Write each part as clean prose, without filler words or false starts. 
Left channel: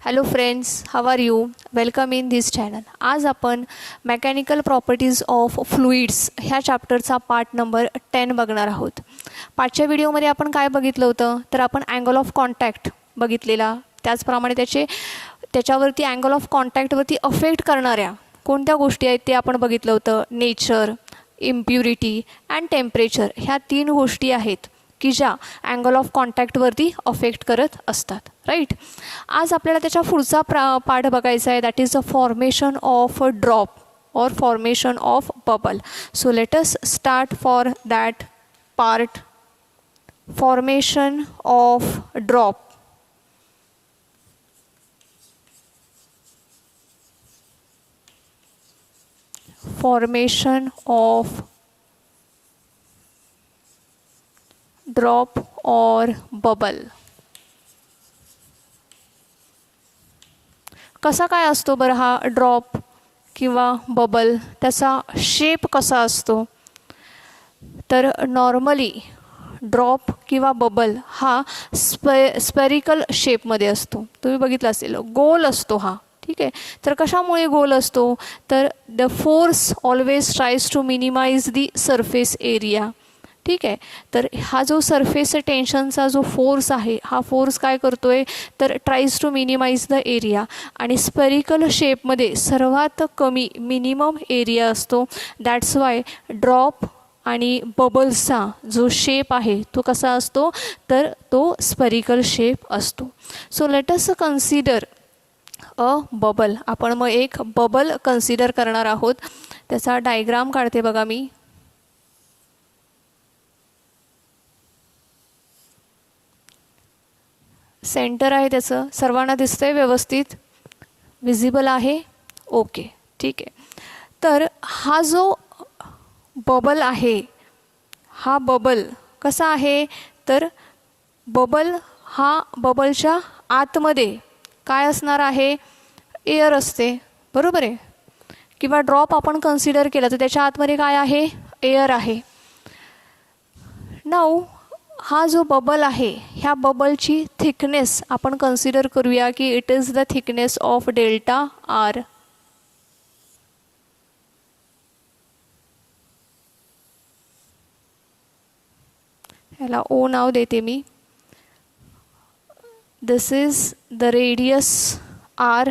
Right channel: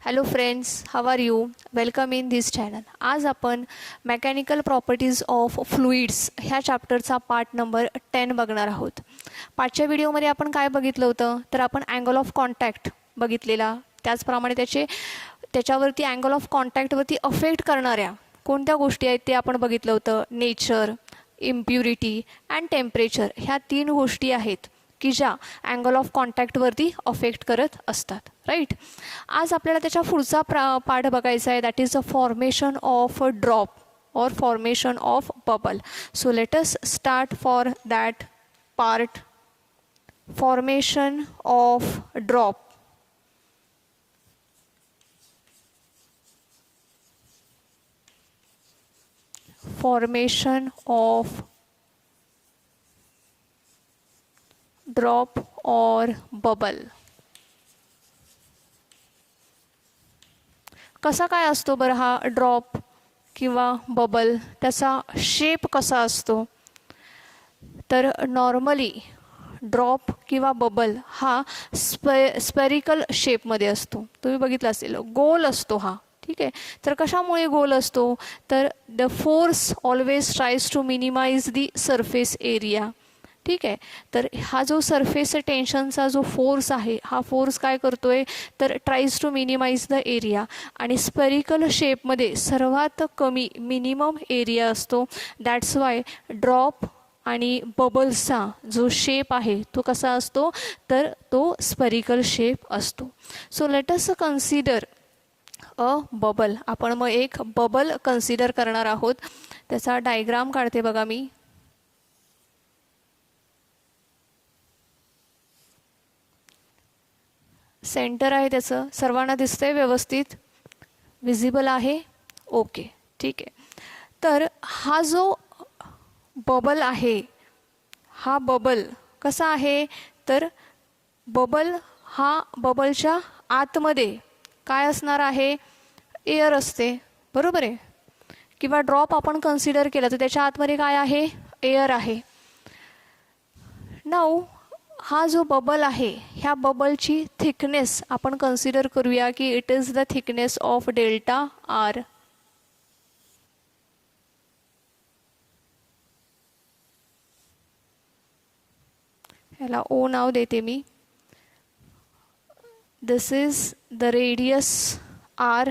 Hello friends, how are you? Welcome in this channel. आज आपण mechanical properties of fluids ह्या चॅप्टरचा part number 10 बघणार आहोत. पाचच्या व्हिडिओमध्ये आपण काय बघितलं होतं तर आपण अँगल ऑफ कॉन्टॅक्ट बघितलेला. त्याचप्रमाणे त्याच्यावरती अँगल ऑफ कॉन्टॅक्टवरती अफेक्ट करणाऱ्या कोणत्या गोष्टी आहेत ते आपण बघितलं होतं. नेचर, इम्प्युरिटी अँड टेम्परेचर ह्या 3 गोष्टी आहेत की ज्या अँगल ऑफ कॉन्टॅक्टवरती अफेक्ट करत असतात. राईट. आज आपल्याला त्याच्या पुढचा पार्ट बघायचा आहे. That is the formation of a drop or formation of bubble. So let us start for that part. Formation of drop. Formation of drop or bubble. कसा काय असतो बरं हा ड्रॉप किंवा बबल? त्याचा शेप कसा असतो? तर नॉर्मली ड्रॉप किंवा बबल हा स्पेरिकल शेपमध्ये असतो. तुम्ही बघितलं असेल, गोल असतो हा. ठीक आहे. तर कशामुळे गोल असतो? तर the force always tries to minimise the surface area. ठीक आहे. तर हा जो सरफेस टेन्शनचा जो फोर्स आहे, हा फोर्स काय करतोय तर tries to minimise the area. आणि स्पेरिकल शेपमध्ये सर्वात कमी मिनिमम एरिया असतो. दॅट्स वाय ड्रॉप आणि बबल्सचा जो शेप आहे तो कसा असतो तर तो स्पेरिकल शेप असतो. So let us consider a bubble. आपण मग एक बबल कन्सिडर करणार आहोत. त्याचा डायग्राम काढते बघा मी. सेंटर आहे त्याचं. सर्वांना दिसतंय व्यवस्थित? विजिबल आहे? ओके, ठीक आहे. तर हा जो बबल आहे, हा बबल कसा आहे तर बबल हा बबलच्या आतमध्ये काय असणार आहे? एअर असते, बरोबर आहे. किंवा ड्रॉप आपण कन्सिडर केला तर त्याच्या आतमध्ये काय आहे? एअर आहे. नाऊ हा जो बबल आहे, ह्या बबलची थिकनेस आपण कन्सिडर करूया की it is the thickness of delta R. ह्याला ओ नाव देते मी. This is the radius R.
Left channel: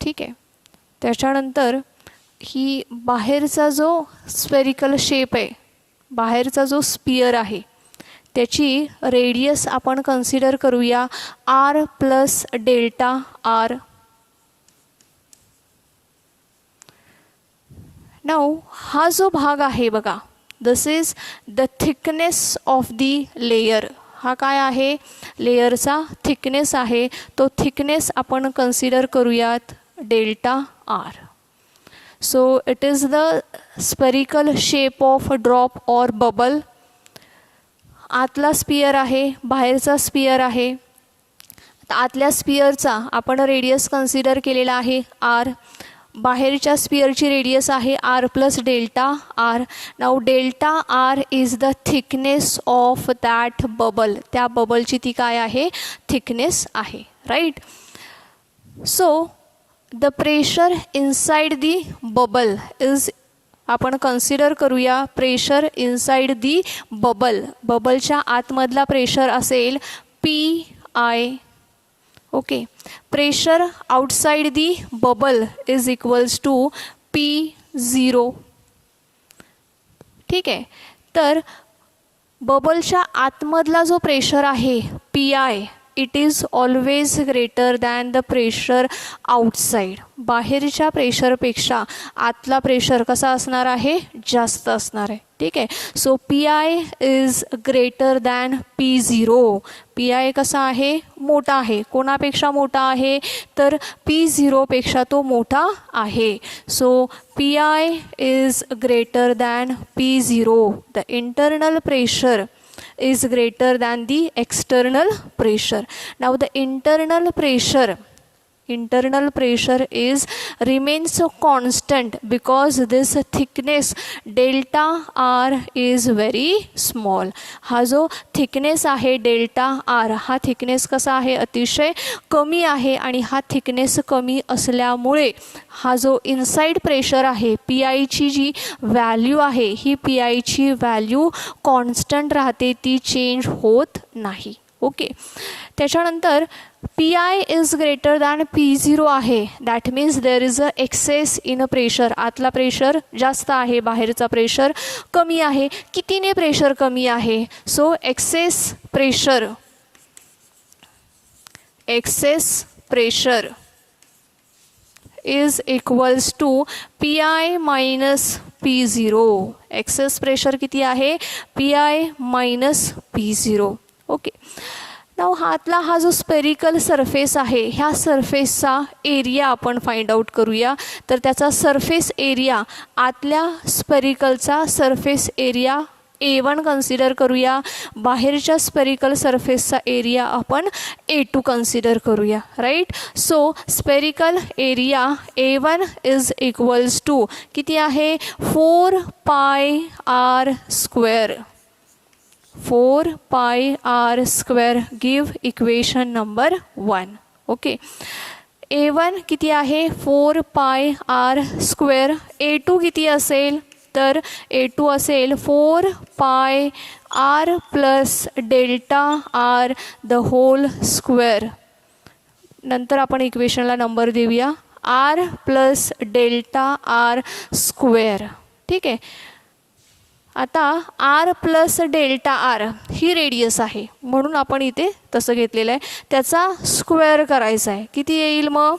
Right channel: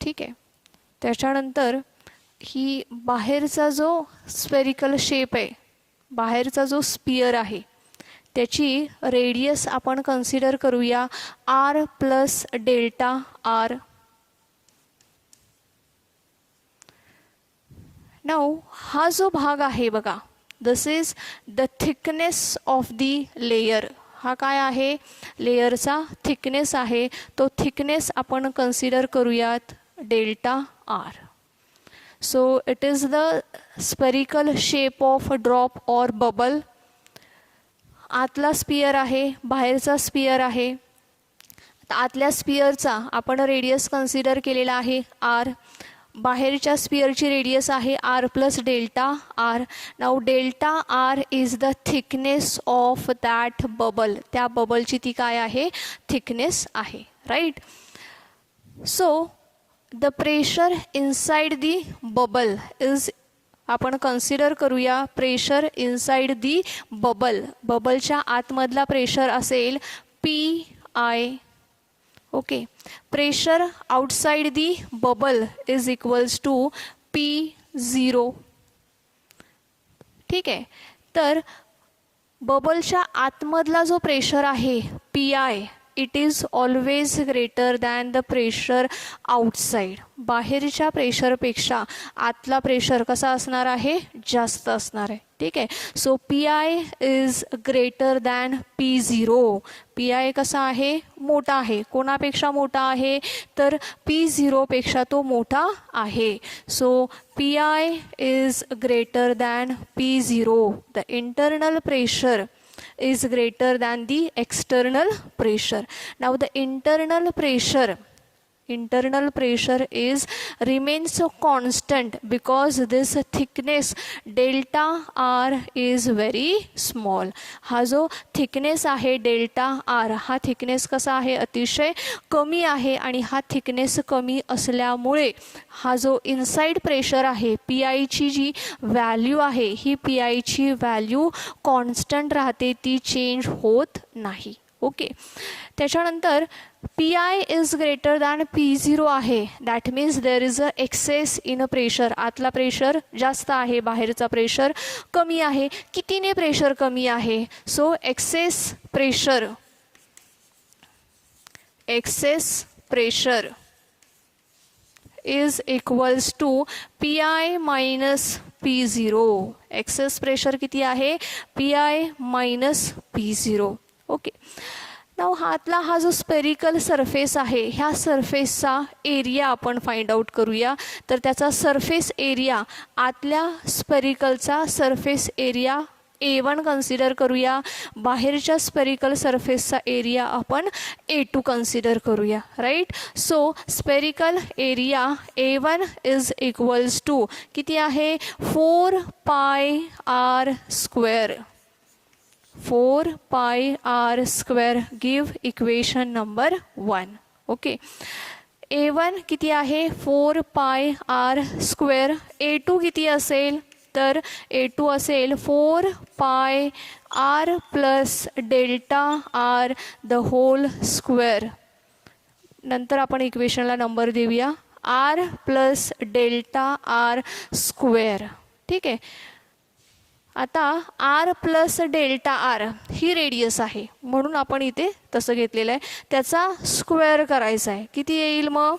ठीक आहे. त्याच्यानंतर ही बाहेरचा जो स्पेरिकल शेप आहे, बाहेरचा जो स्पियर आहे, त्याची रेडियस आपण कन्सिडर करूया R plus delta R. Now हा जो भाग आहे बघा, this is the thickness of the layer. हा काय आहे? लेयरचा थिकनेस आहे. तो थिकनेस आपण कन्सिडर करूयात delta R. So it is the spherical shape of drop or bubble. आतला स्पियर आहे, बाहेरचा स्पियर आहे. आतल्या स्पियरचा आपण रेडियस कन्सिडर केलेला आहे आर. बाहेरच्या स्पियरची रेडियस आहे R plus delta R. Now delta R is the thickness of that bubble. त्या बबलची ती काय आहे? थिकनेस आहे. Right. So the pressure inside the bubble is, आपण कन्सिडर करूया प्रेशर इनसाइड दी बबल. बबलच्या आतमधला प्रेशर असेल P I. Okay. Pressure outside the bubble is equals to P0. ठीक आहे. तर बबलच्या आतमधला जो प्रेशर आहे P I, it is always greater than the pressure outside. बाहेरच्या प्रेशरपेक्षा आतला प्रेशर कसा असणार आहे? जास्त असणार आहे. ठीक आहे. So P I is greater than P0. P I कसा आहे? मोठा आहे. कोणापेक्षा मोठा आहे? तर P0 पेक्षा तो मोठा आहे. So P I is greater than P0. The internal pressure is greater than the external pressure. Now the internal pressure internal pressure is remains constant because this thickness delta r is very small. हा जो thickness आहे delta R, हा thickness कसा आहे, अतिशय कमी आहे. आणि हा थिकनेस कमी असल्यामुळे हा जो इनसाइड प्रेशर आहे, पी आयची जी व्हॅल्यू आहे, ही पी आयची व्हॅल्यू कॉन्स्टंट राहते, ती चेंज होत नाही. ओके. त्याच्यानंतर P I is greater than P0 आहे, that means there is a excess in a pressure. आतला प्रेशर जास्त आहे, बाहेरचा प्रेशर कमी आहे. कितीने प्रेशर कमी आहे? So excess pressure is equals to P I minus P0. Excess pressure किती आहे? P I minus P0. Okay. Now हातला हा जो स्पेरिकल सरफेस आहे, ह्या सरफेसचा एरिया आपण फाइंड आउट करूया. तर त्याचा सरफेस एरिया, आतल्या स्पेरिकलचा सरफेस एरिया A1 कन्सिडर करूया, बाहेरच्या स्पेरिकल सरफेसचा एरिया आपण A2 कन्सिडर करूया. Right. So spherical area A1 is equals to किती आहे? 4πr². 4πr². Give equation number 1. Okay. A1 किती आहे? 4πr². A2 किती असेल? तर A2 असेल 4πr plus delta R the whole square. नंतर आपण इक्वेशनला नंबर देऊया R plus delta R square. ठीक आहे. आता आर प्लस डेल्टा आर ही रेडियस आहे, म्हणून आपण इथे तसं घेतलेलं आहे. त्याचा स्क्वेअर करायचा आहे. किती येईल मग?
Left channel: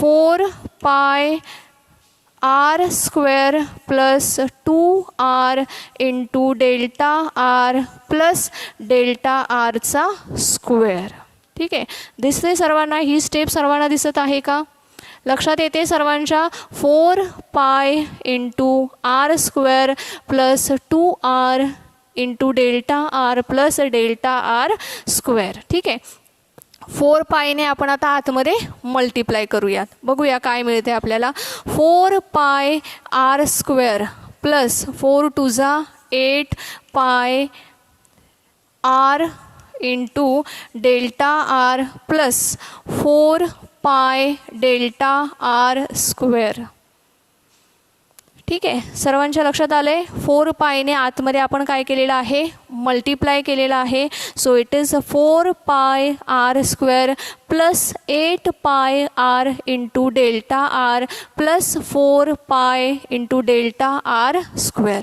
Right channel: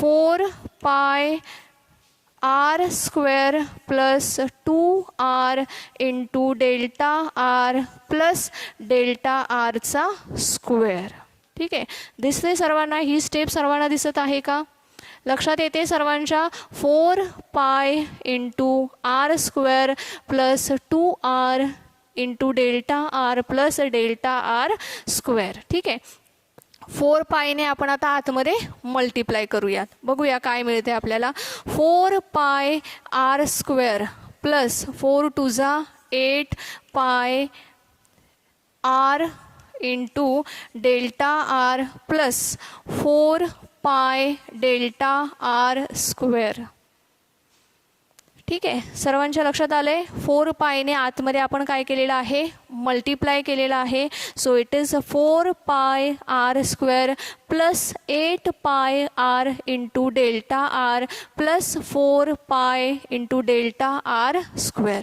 4πr² plus 2r into delta R plus delta आरचा स्क्वेअर. ठीक आहे. दिसते सर्वांना? ही स्टेप सर्वांना दिसत आहे का? लक्षात येते सर्वांच्या? 4π into r² plus 2r into delta R plus delta R square. ठीक आहे. 4πने आपण आता आतमध्ये मल्टिप्लाय करूयात. बघूया काय मिळते आपल्याला. 4πr² plus 4 2 8πr into delta R plus 4π delta R square. ठीक आहे. सर्वांच्या लक्षात आलं आहे? 4πने आतमध्ये आपण काय केलेलं आहे? मल्टिप्लाय केलेलं आहे. So it is 4πr² plus 8πr into delta R plus 4π into delta R square.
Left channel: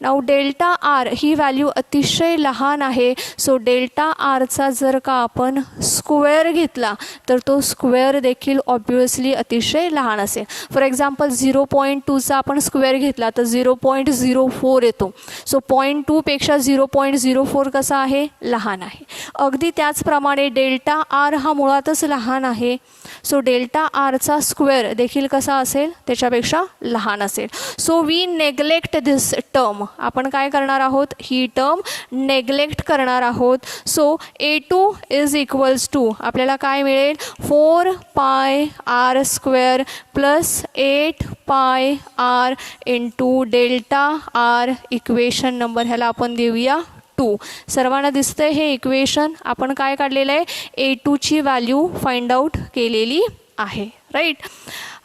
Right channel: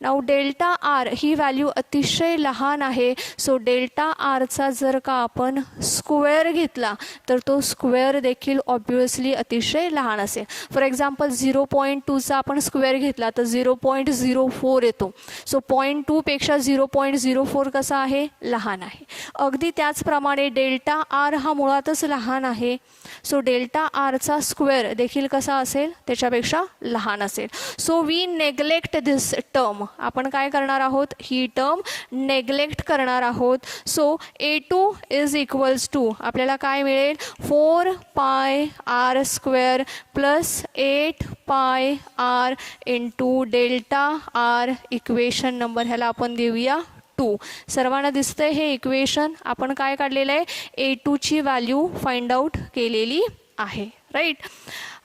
Now delta R ही व्हॅल्यू अतिशय लहान आहे. सो डेल्टा आरचा जर का आपण स्क्वेअर घेतला तर तो स्क्वेअर देखील ऑब्वियसली अतिशय लहान असेल. फॉर एक्झाम्पल 0.2चा आपण स्क्वेअर घेतला तर 0.04 येतो. सो 0.2 पेक्षा 0.04 कसा आहे? लहान आहे. अगदी त्याचप्रमाणे डेल्टा आर हा मुळातच लहान आहे. सो डेल्टा आरचा स्क्वेअर देखील कसा असेल? त्याच्यापेक्षा लहान असेल. So we neglect this term. आपण काय करणार आहोत? ही टर्म नेग्लेक्ट करणार आहोत. So A2 is equals to आपल्याला काय मिळेल? 4πr² plus 8πr into delta R. Equation number ह्याला आपण देऊया 2. सर्वांना दिसतंय हे इक्वेशन? आपण काय काढलेलं आहे? A2ची व्हॅल्यू फाइंड आउट केलेली आहे. राईट.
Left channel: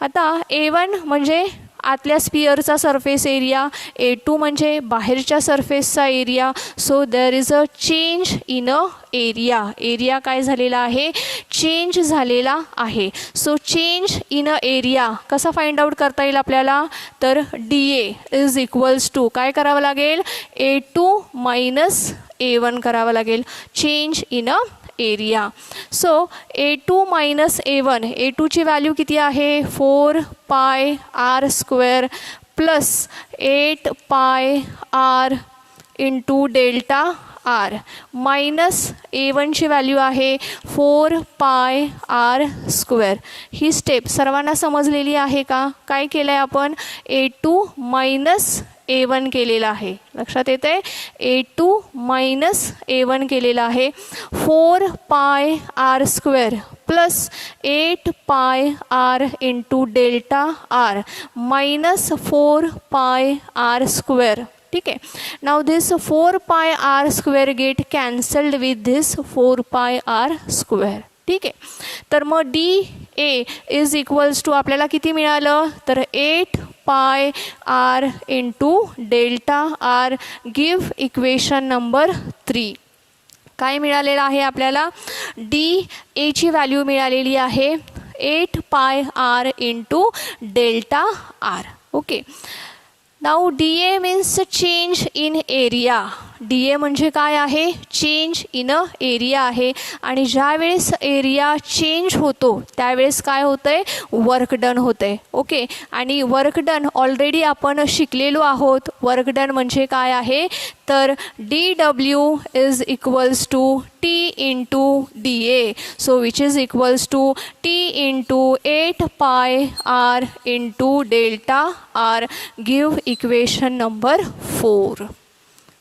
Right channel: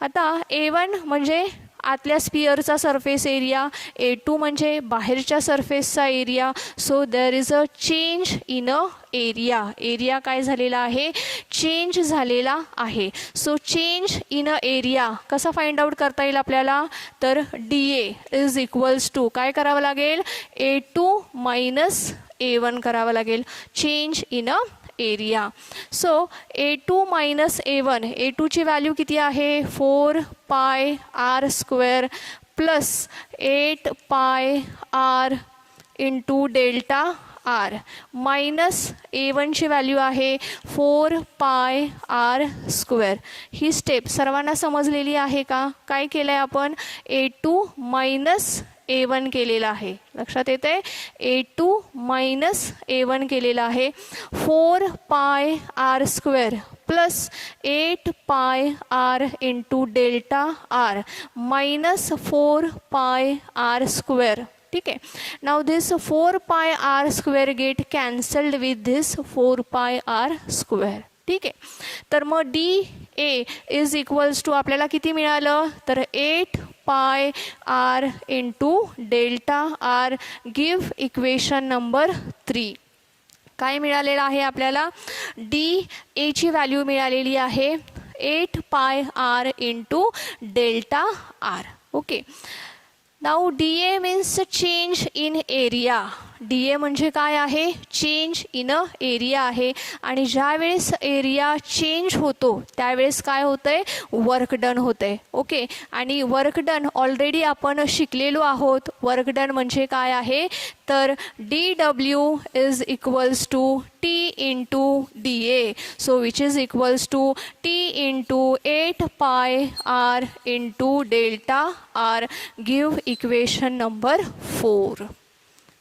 आता A1 म्हणजे आतल्या स्पिअरचा सरफेस एरिया, A2 म्हणजे बाहेरच्या सरफेसचा area. So there is a change in a area. Area काय झालेला आहे? चेंज झालेला आहे. So change in a area कसा फाइंड आउट करता येईल आपल्याला? तर DA इज इक्वल्स टू काय करावं लागेल? A2 मायनस A1 करावं लागेल. Change in a area. So A2 minus A1. A2ची व्हॅल्यू किती आहे? 4πr² plus 8πr into delta R minus A1ची व्हॅल्यू आहे 4πr². ही स्टेप सर्वांना समजलेली आहे का? काय केलं आहे आपण? A2 मायनस A1 केलेला आहे. लक्षात येतं आहे, A2 मायनस A1 केलेला आहे. 4 pi R square plus 8 pi R into delta R minus 4 pi R square. ठीक आहे. नाव this 4 pi R square get cancelled with this 4 pi R square. ठीक आहे. तर मग D A is equals to आपल्याला किती मिळालं, तर 8 pi R into delta R. Give equation number 3. काय मिळालेलं आहे आपल्याला, डी एची व्हॅल्यू मिळालेली आहे 8 pi R into delta R. Okay. Now D A means change in area. D A म्हणजे काय आहे, चेंज इन अ एरिया आहे. आणि ज्या वेळेस एरिया चेंज होतो त्यावेळेस काय होतं आहे, वर्क डन होतं आहे. ओके. आणि वर्क डन ऑलरेडी आपण शिकलेलो आहोत. वर्क डन म्हणजे काय आहे, तर D W is equals to T into D A. So which is equals to T into 8 pi R into delta R. Give equation number 4.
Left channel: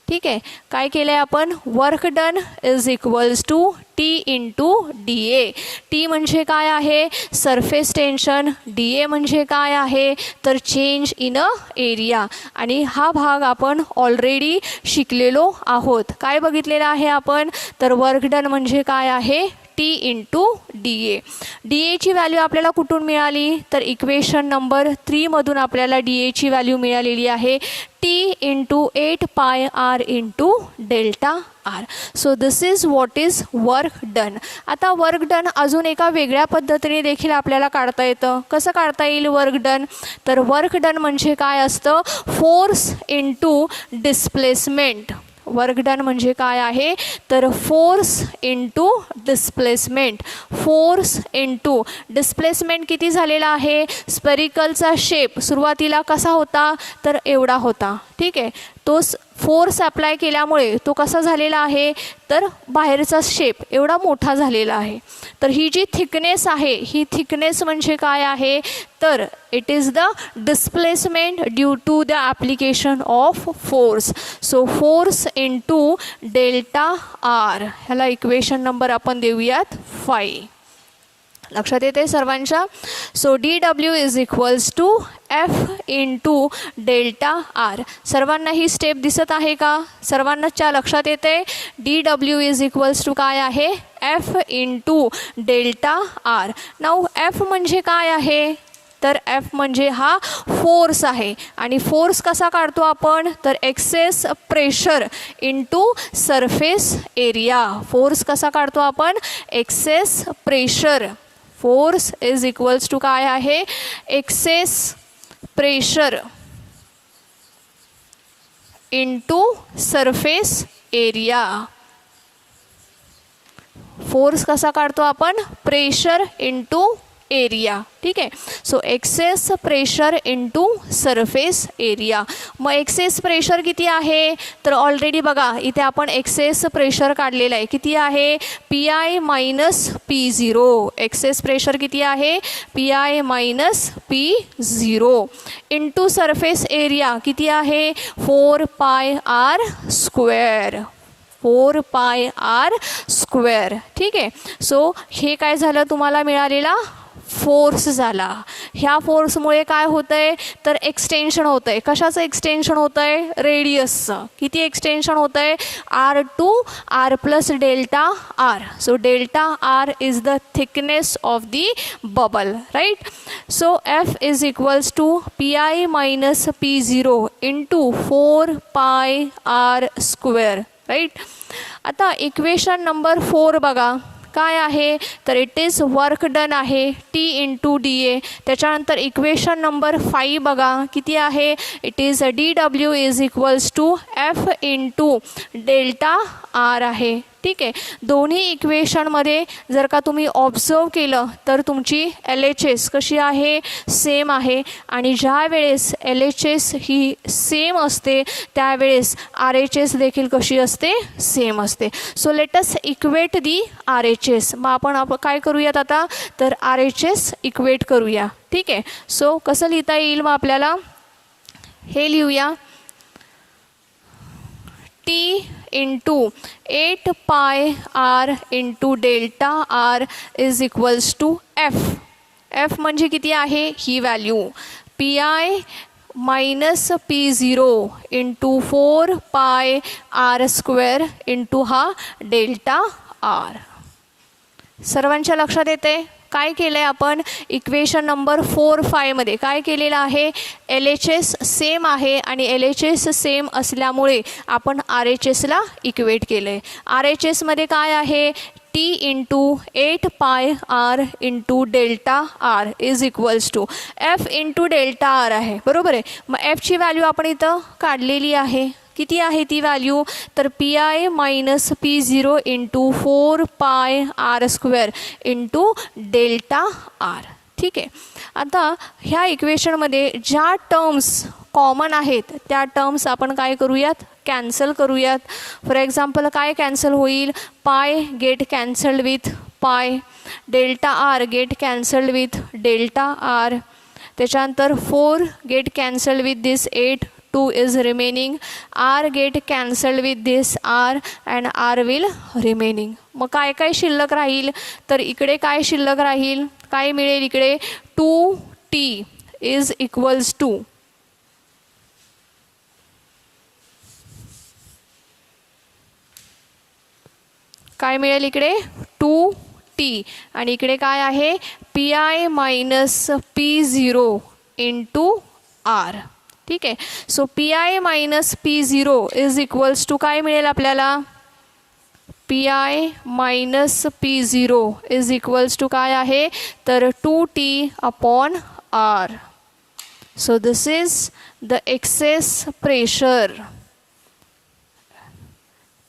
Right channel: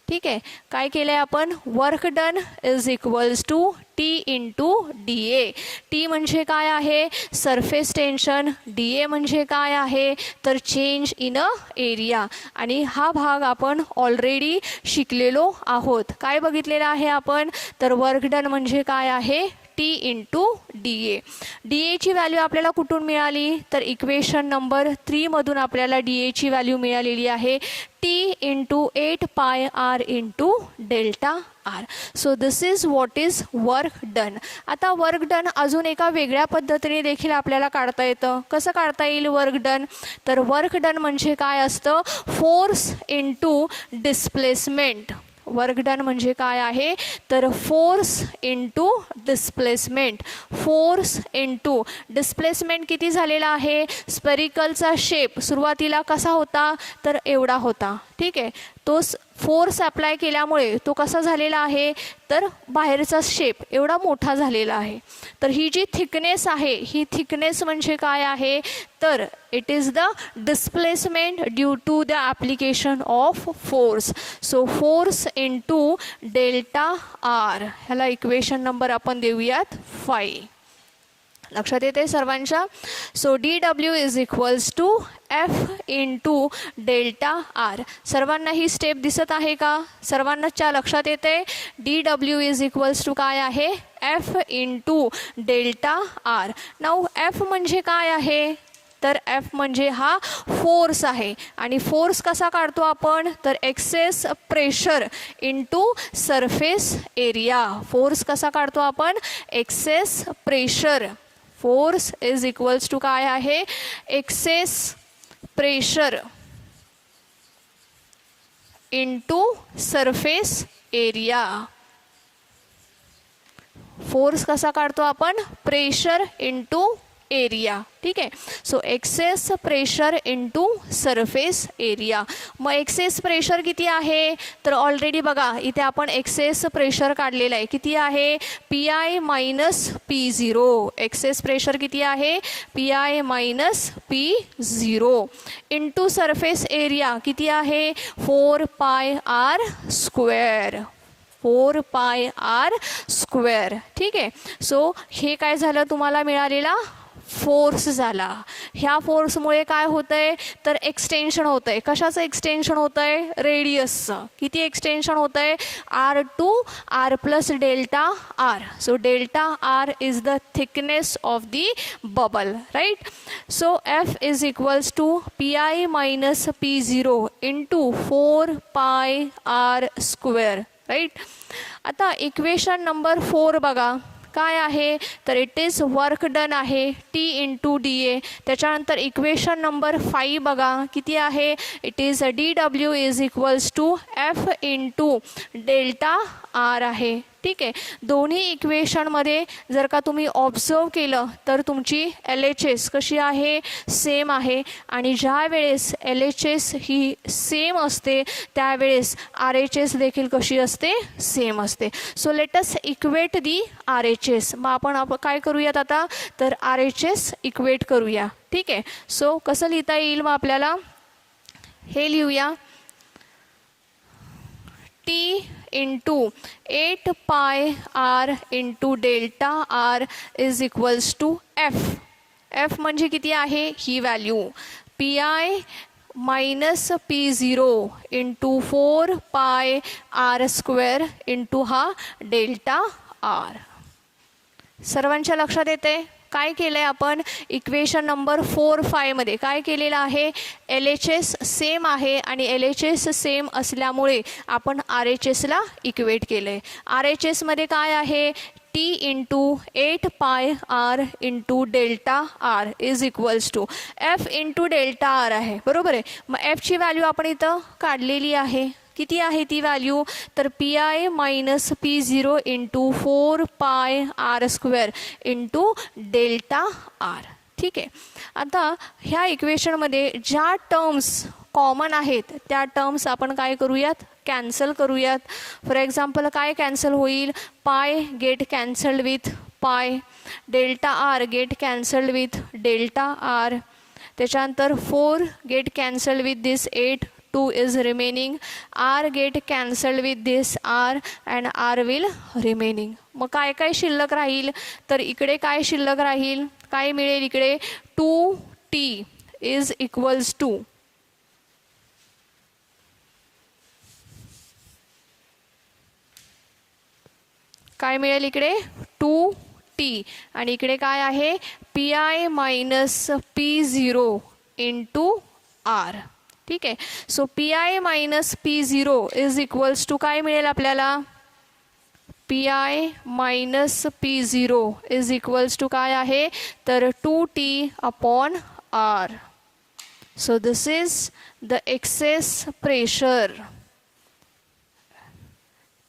ठीक आहे. काय केलं आहे आपण, work done is equals to T into D A. T म्हणजे काय आहे, surface tension. D A म्हणजे काय आहे, तर चेंज इन अ एरिया. आणि हा भाग आपण ऑलरेडी शिकलेलो आहोत. काय बघितलेलं आहे आपण, तर वर्क डन म्हणजे काय आहे, टी इंटू डी ए. डी एची व्हॅल्यू आपल्याला कुठून मिळाली, तर इक्वेशन नंबर 3मधून आपल्याला डी एची व्हॅल्यू मिळालेली आहे T into 8 pi R into delta R. So this is what is work done. आता वर्क डन अजून एका वेगळ्या पद्धतीने देखील आपल्याला काढता येतं. कसं काढता येईल वर्क डन, तर वर्क डन म्हणजे काय असतं, force into displacement. Work done म्हणजे काय आहे, तर force into displacement. Force into displacement किती झालेला आहे, स्पेरिकलचा शेप सुरुवातीला कसा होता, तर एवढा होता. ठीक आहे. तो फोर्स अप्लाय केल्यामुळे तो कसा झालेला आहे, तर बाहेरचा शेप एवढा मोठा झालेला आहे. तर ही जी थिकनेस आहे, ही थिकनेस म्हणजे काय आहे, तर it is the displacement due to the application of force. So force into delta R. ह्याला इक्वेशन नंबर आपण देऊयात 5. लक्षात येते सर्वांच्या. सो D W is equals to F into delta R. सर्वांना ही स्टेप दिसत आहे का, सर्वांनाच्या लक्षात येते. D W is equals to काय आहे, F into delta R. Now F म्हणजे काय आहे, तर एफ म्हणजे हा फोर्स आहे. आणि फोर्स कसा काढतो आपण, तर excess pressure into surface area. Force कसा काढतो आपण, excess pressure. Force is equals to काय आहे, excess pressure into surface area. Force कसा काढतो आपण, प्रेशर इंटू एरिया. ठीक आहे. So excess pressure into surface area. मग एक्सेस प्रेशर किती आहे, तर ऑलरेडी बघा इथे आपण एक्सेस प्रेशर काढलेलं आहे. किती आहे, P I minus P zero. Access pressure किती आहे, P I minus P zero into surface area किती आहे, 4 pi R square. 4 pi R square. ठीक आहे. सो हे काय झालं, तुम्हाला मिळालेला फोर्स झाला. ह्या फोर्समुळे काय होतं आहे, तर एक्सटेन्शन होतं आहे. कशाचं एक्सटेन्शन होतं आहे, रेडियसचं. किती एक्सटेन्शन होतं आहे, R to R plus delta R. So delta R is the thickness of the bubble. Right. So F is equals to P I minus P zero into 4 pi R square. Right. आता equation number 4 बघा काय आहे, तर it is work done आहे T into D A. त्याच्यानंतर equation number 5 बघा किती आहे, it is D W is equals to F into delta R आहे. ठीक आहे. दोन्ही इक्वेशनमध्ये जर का तुम्ही ऑब्झर्व केलं तर तुमची एल एच एस कशी आहे, सेम आहे. आणि ज्या वेळेस एल एच एस ही सेम असते त्यावेळेस आर एच एस देखील कशी असते, सेम असते. सो लेट अस इक्वेट दी आर एच एस. मग आपण काय करूयात आता, तर आर एच एस इक्वेट करूया. ठीक आहे. सो कसं लिहिता येईल, मग आपल्याला हे लिहूया. T into 8 pi R into delta R is equals to F. F म्हणजे किती आहे ही value, P I minus P0 into 4 pi R square into हा डेल्टा आर. सर्वांच्या लक्षात येते काय केलं आहे आपण इक्वेशन नंबर 4, 5 मध्ये काय केलेलं आहे, LHS सेम आहे आणि LHS सेम असल्यामुळे आपण RHSला इक्वेट केलं आहे. RHS मध्ये काय आहे, T into 8 pi R into delta R is equals to F into delta R आहे, बरोबर आहे. मग एफची व्हॅल्यू आपण इथं काढलेली आहे, किती आहे ती व्हॅल्यू, तर P I minus P0 into 4 pi R square into delta R. ठीक आहे. आता ह्या इक्वेशनमध्ये ज्या टर्म्स कॉमन आहेत त्या टर्म्स आपण काय करूयात, कॅन्सल करूयात. फॉर एक्झाम्पल काय कॅन्सल होईल, pi get cancelled with pi, delta R get cancelled with delta R, त्याच्यानंतर 4 get cancelled with this 8, 2 is remaining, r get cancelled with this r and r will remaining. मग काय काय शिल्लक राहील, तर इकडे काय शिल्लक राहील, काय मिळेल इकडे 2t is equals to काय मिळेल इकडे 2t आणि इकडे काय आहे P I minus P0 into R. ठीक आहे. So P I minus P0 is equals to काय मिळेल आपल्याला, P I minus P0 is equals to काय आहे, तर 2t upon R. So this is the excess pressure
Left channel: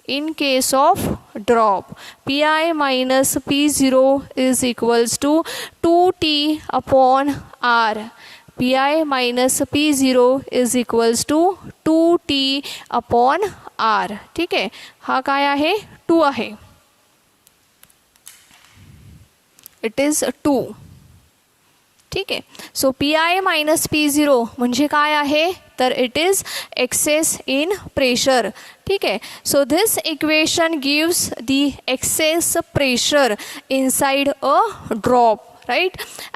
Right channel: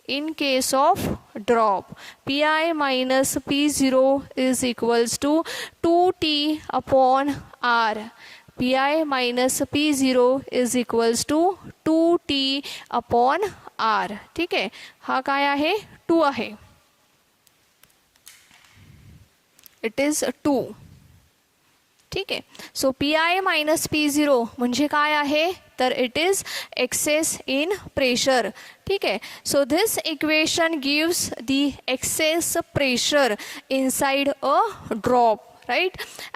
in case of drop. Pi minus P0 is equals to 2t upon r. Pi minus P0 is equals to 2t upon r. ठीक आहे. हा काय आहे 2 आहे. It is 2. ठीक आहे. So P I minus P0 म्हणजे काय आहे, तर it is excess in pressure. ठीक आहे. So this equation gives the excess pressure inside a drop, right?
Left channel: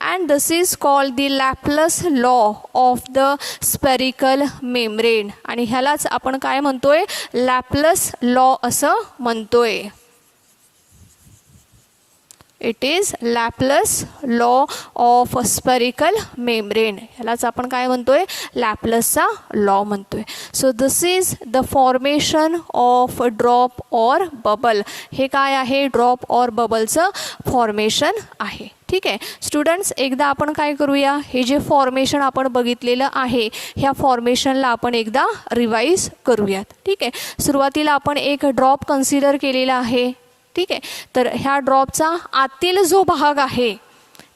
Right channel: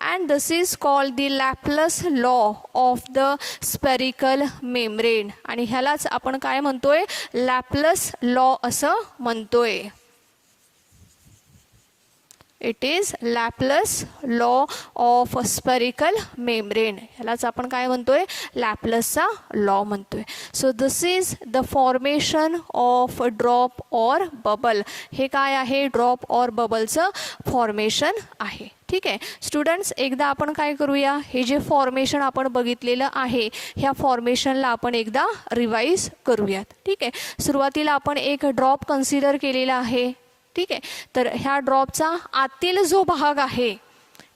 And this is called the Laplace law of the spherical membrane. आणि ह्यालाच आपण काय म्हणतोय, Laplace law असं म्हणतोय. It is Laplace law of spherical membrane. ह्यालाच आपण काय म्हणतोय, लॅपलसचा लॉ म्हणतोय. So this is the formation of drop or bubble. हे काय आहे, ड्रॉप और बबलचं फॉर्मेशन आहे. ठीक आहे. स्टुडंट्स, एकदा आपण काय करूया, हे जे फॉर्मेशन आपण बघितलेलं आहे ह्या फॉर्मेशनला आपण एकदा रिवाईज करूयात. ठीक आहे. सुरुवातीला आपण एक ड्रॉप कन्सिडर केलेला आहे. ठीक आहे. तर ह्या ड्रॉपचा आतील जो भाग आहे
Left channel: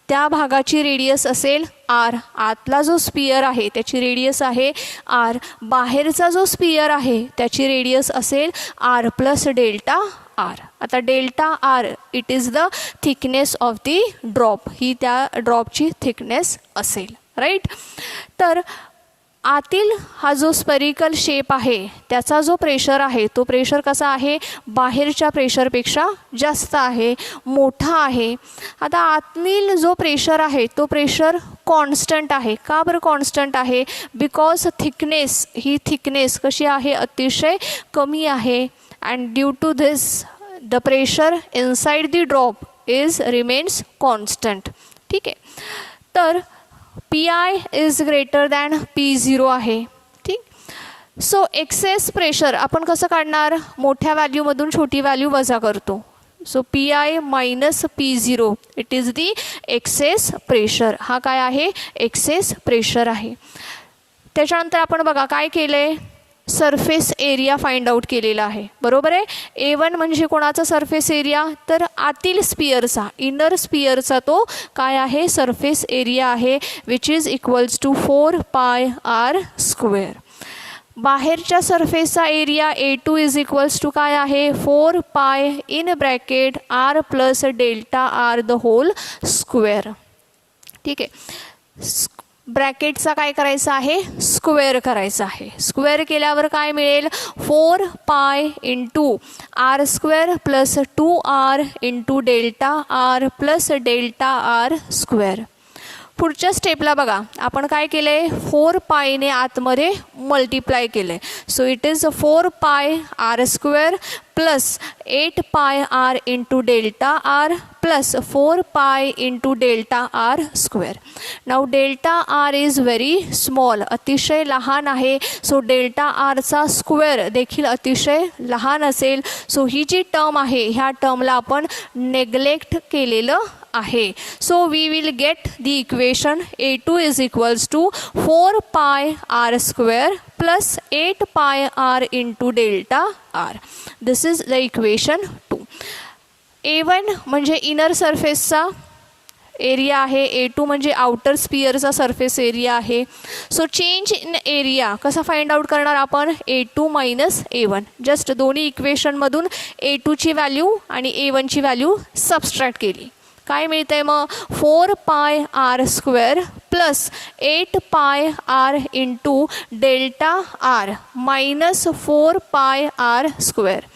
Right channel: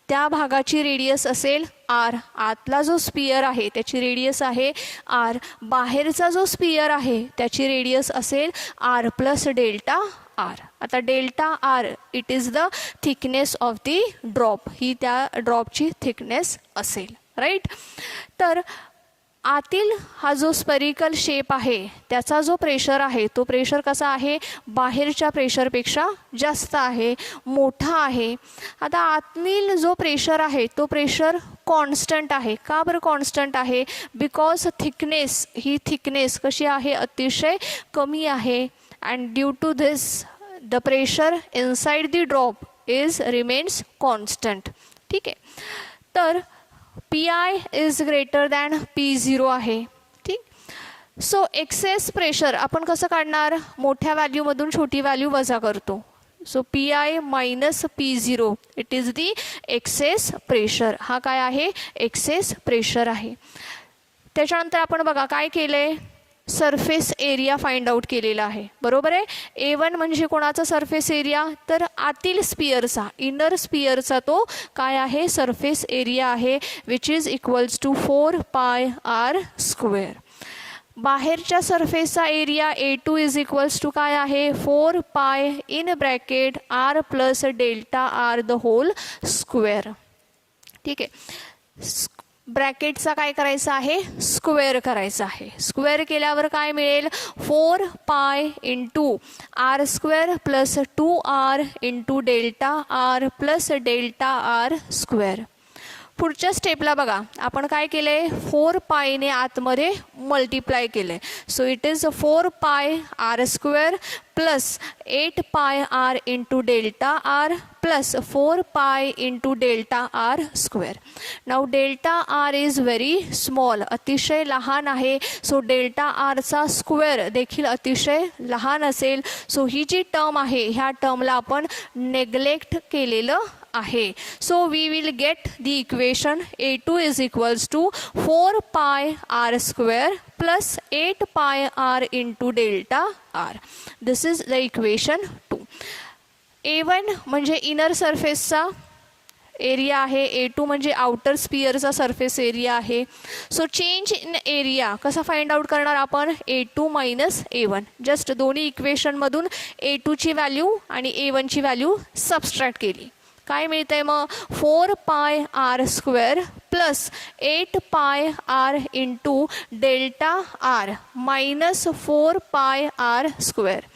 त्या भागाची रेडियस असेल आर. आतला जो स्पियर आहे त्याची रेडियस आहे आर. बाहेरचा जो स्पियर आहे त्याची रेडियस असेल आर प्लस डेल्टा आर. आता delta R it is the thickness of the drop, ही त्या ड्रॉपची थिकनेस असेल, राईट. तर आतील हा जो स्पेरिकल शेप आहे त्याचा जो प्रेशर आहे तो प्रेशर कसा आहे, बाहेरच्या प्रेशरपेक्षा जास्त आहे, मोठा आहे. आता आतील जो प्रेशर आहे तो प्रेशर कॉन्स्टंट आहे. का बरं कॉन्स्टंट आहे, बिकॉज थिकनेस, ही थिकनेस कशी आहे, अतिशय कमी आहे. And due to this the pressure inside the drop is remains constant. ठीक आहे. तर P I is greater than P0 आहे. ठीक. सो एक्सेस प्रेशर आपण कसं काढणार, मोठ्या व्हॅल्यूमधून छोटी व्हॅल्यू वजा करतो. So P I minus P0 it is the excess pressure. हा काय आहे, एक्सेस प्रेशर आहे. त्याच्यानंतर आपण बघा काय केलं आहे, सरफेस एरिया फाइंड आउट केलेला आहे, बरोबर आहे. A1 म्हणजे कोणाचा सरफेस एरिया, तर आतील स्पियरचा, इनर स्पियरचा तो काय आहे, सरफेस एरिया आहे, which is equals to 4 pi R square. बाहेरच्या सरफेसचा area A2 is equals to काय आहे, 4 pi in bracket R plus delta R the whole square. ठीक आहे. ब्रॅकेटचा काय करायचा आहे, स्क्वेअर करायचा आहे. स्क्वेअर केल्यावर काय मिळेल, 4 pi into R square plus 2r into delta R plus delta R square. पुढच्या स्टेपला बघा, आपण काय केलं आहे, 4 पायने आतमध्ये मल्टिप्लाय केलं आहे. So it is 4 pi R square plus 8 pi R into delta R plus 4 pi into delta R square. Now delta R is very small, अतिशय लहान आहे. सो डेल्टा आरचा स्क्वेअर देखील अतिशय लहान असेल. सो ही जी टर्म आहे ह्या टर्मला आपण नेग्लेक्ट केलेलं आहे. So we will get the equation A2 is equals to 4 pi R square plus 8 pi R into delta R. This is the equation 2. A1 म्हणजे इनर सरफेसचा एरिया आहे, A2 म्हणजे आउटर स्पियरचा सरफेस एरिया आहे. So change in area कसा find out करणार आपण, A2 minus A1. Just दोन्ही इक्वेशनमधून A2ची व्हॅल्यू आणि A1ची व्हॅल्यू सबस्ट्रॅक्ट केली. काय मिळतंय मग, 4 pi R square plus 8 pi R into delta R minus 4 pi R square.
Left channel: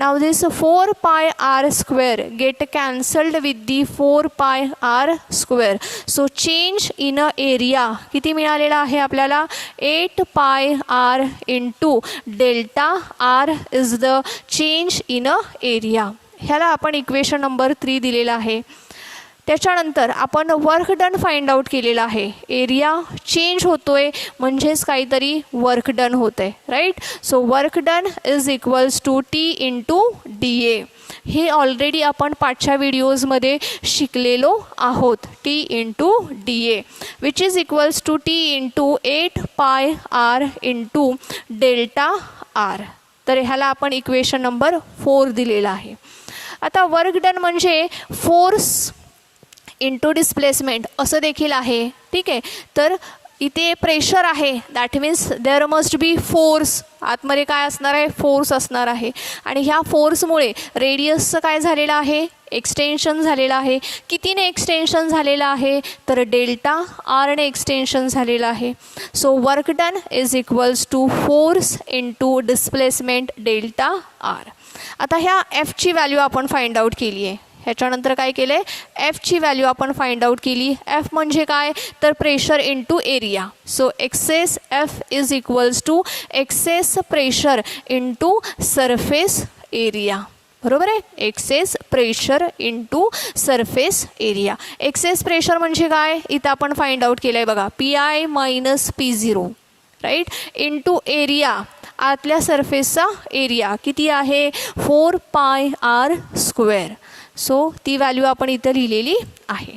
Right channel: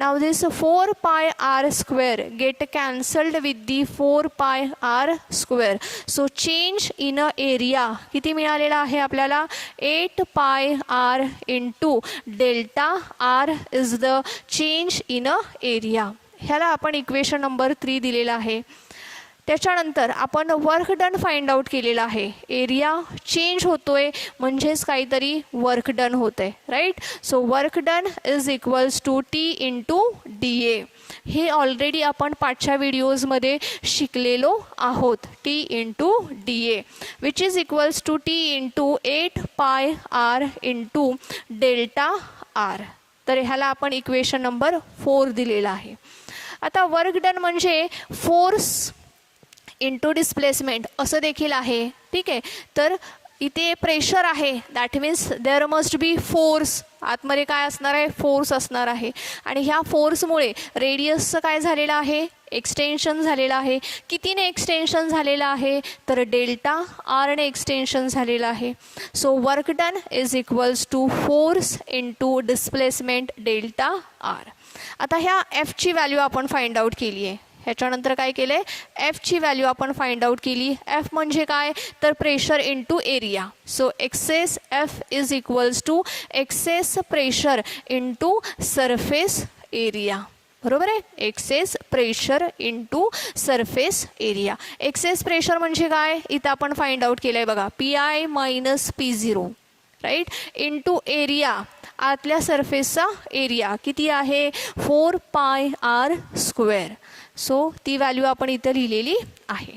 Now this 4 pi r square get cancelled with the 4 pi r square. So change in a area किती मिळालेला आहे आपल्याला, 8 pi r into delta r is the change in a area. ह्याला आपण equation number 3 दिलेला आहे. त्याच्यानंतर आपण वर्क डन फाइंड आउट केलेला आहे. एरिया चेंज होतोय म्हणजेच काहीतरी वर्क डन होत आहे, right. So work done is equals to T into D A. हे ऑलरेडी आपण पाठच्या व्हिडिओजमध्ये शिकलेलो आहोत. T into D A which is equals to T into 8 pi R into delta R. तर ह्याला आपण इक्वेशन नंबर 4 दिलेला आहे. आता वर्क डन म्हणजे फोर्स इंटू डिस्प्लेसमेंट असं देखील आहे, ठीक आहे. तर इथे प्रेशर आहे, that means there must be force. आतमध्ये काय असणार आहे, फोर्स असणार आहे. आणि ह्या फोर्समुळे रेडियसचं काय झालेलं आहे, एक्सटेन्शन झालेलं आहे. कितीने एक्सटेन्शन झालेलं आहे, तर डेल्टा आरने एक्सटेन्शन झालेलं आहे. So work done is equals to force into displacement delta R. आता ह्या एफची व्हॅल्यू आपण फाइंड आउट केली आहे. ह्याच्यानंतर काय केलं आहे, एफची व्हॅल्यू आपण फाइंड आउट केली. एफ म्हणजे काय, तर pressure into area. So excess F is equals to excess pressure into surface area. बरोबर आहे, excess pressure into surface area. Excess pressure म्हणजे काय, इथं आपण फाइंड आउट केलं आहे बघा, PI minus P0, right, into area. आतल्या सरफेसचा एरिया किती आहे, 4 पाय आर स्क्वेअर. सो ती व्हॅल्यू आपण इथं लिहिलेली आहे.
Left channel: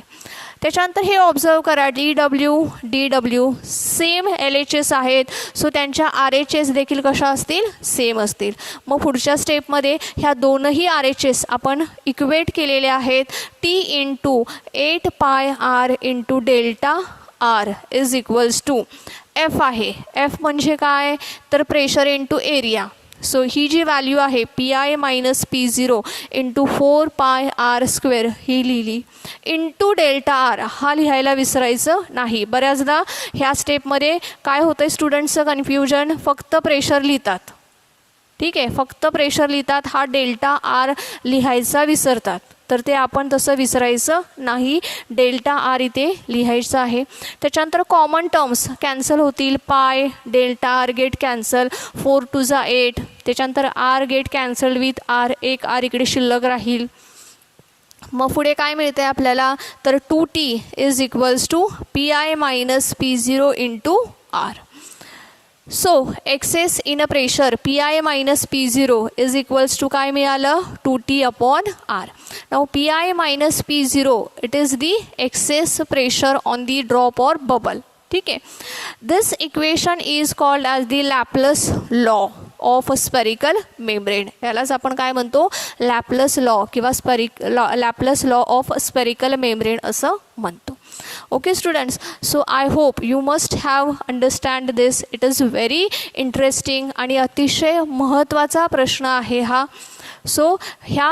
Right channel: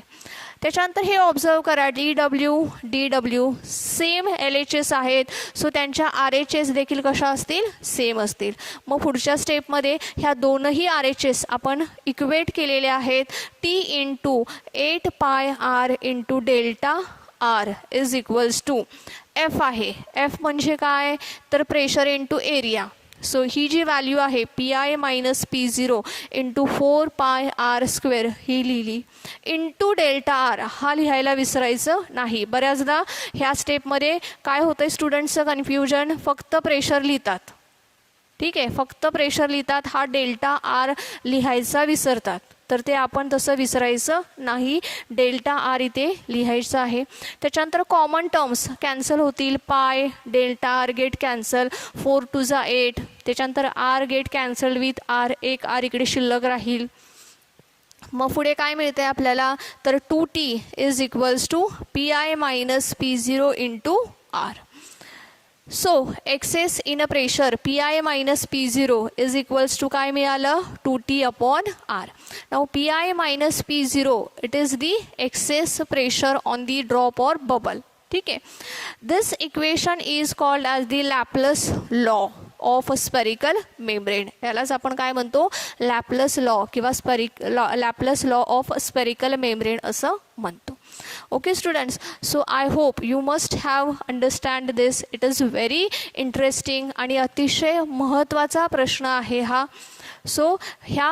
त्याच्यानंतर हे ऑब्झर्व करा, DW सेम LHS आहेत. सो त्यांच्या RHS देखील कशा असतील, सेम असतील. मग पुढच्या स्टेपमध्ये ह्या दोनही RHS आपण इक्वेट केलेले आहेत. T into 8 pi R into delta R is equals to F आहे. एफ म्हणजे काय, तर प्रेशर इंटू एरिया. सो ही जी व्हॅल्यू आहे PI minus P0 into 4 pi R square ही लिहिली. इंटू डेल्टा आर हा लिहायला विसरायचं नाही. बऱ्याचदा ह्या स्टेपमध्ये काय होतं, स्टुडंट्सचं कन्फ्युजन, फक्त प्रेशर लिहितात, ठीक आहे, फक्त प्रेशर लिहितात, हा डेल्टा आर लिहायचा विसरतात. तर ते आपण तसं विसरायचं नाही, डेल्टा आर इथे लिहायचं आहे. त्याच्यानंतर कॉमन टर्म्स कॅन्सल होतील, pi delta R get cancel, 4 to जा 8. त्याच्यानंतर R get cancel with R, एक आर इकडे शिल्लक राहील. मग पुढे काय मिळते आपल्याला, तर 2T is equals to PI minus P0 into R. So excess in a pressure PI minus P0 is equals to काय मिळालं, 2T upon R. Now PI minus P0 it is the excess pressure on the drop or bubble, ठीक आहे. This equation is called as the Laplace law of spherical membrane. यालाच आपण काय म्हणतो, Laplace law किंवा Laplace law of spherical membrane असं म्हणतो. Okay students, so I hope you must have understand this. It is very interesting आणि अतिशय महत्त्वाचा प्रश्न आहे हा. सो ह्या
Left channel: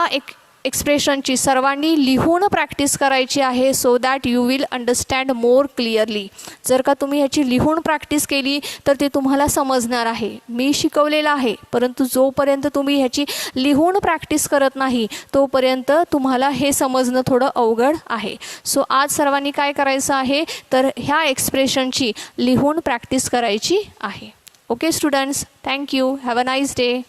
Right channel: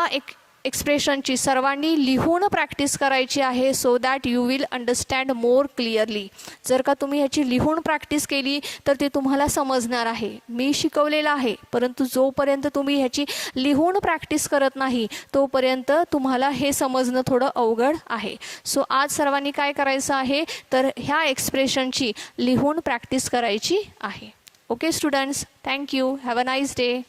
एक्सप्रेशनची सर्वांनी लिहून प्रॅक्टिस करायची आहे, so that you will understand more clearly. जर का तुम्ही ह्याची लिहून प्रॅक्टिस केली तर ते तुम्हाला समजणार आहे. मी शिकवलेलं आहे, परंतु जोपर्यंत तुम्ही ह्याची लिहून प्रॅक्टिस करत नाही तोपर्यंत तुम्हाला हे समजणं थोडं अवघड आहे. सो आज सर्वांनी काय करायचं आहे तर ह्या एक्सप्रेशनची लिहून प्रॅक्टिस करायची आहे. Okay students, thank you. Have a nice day.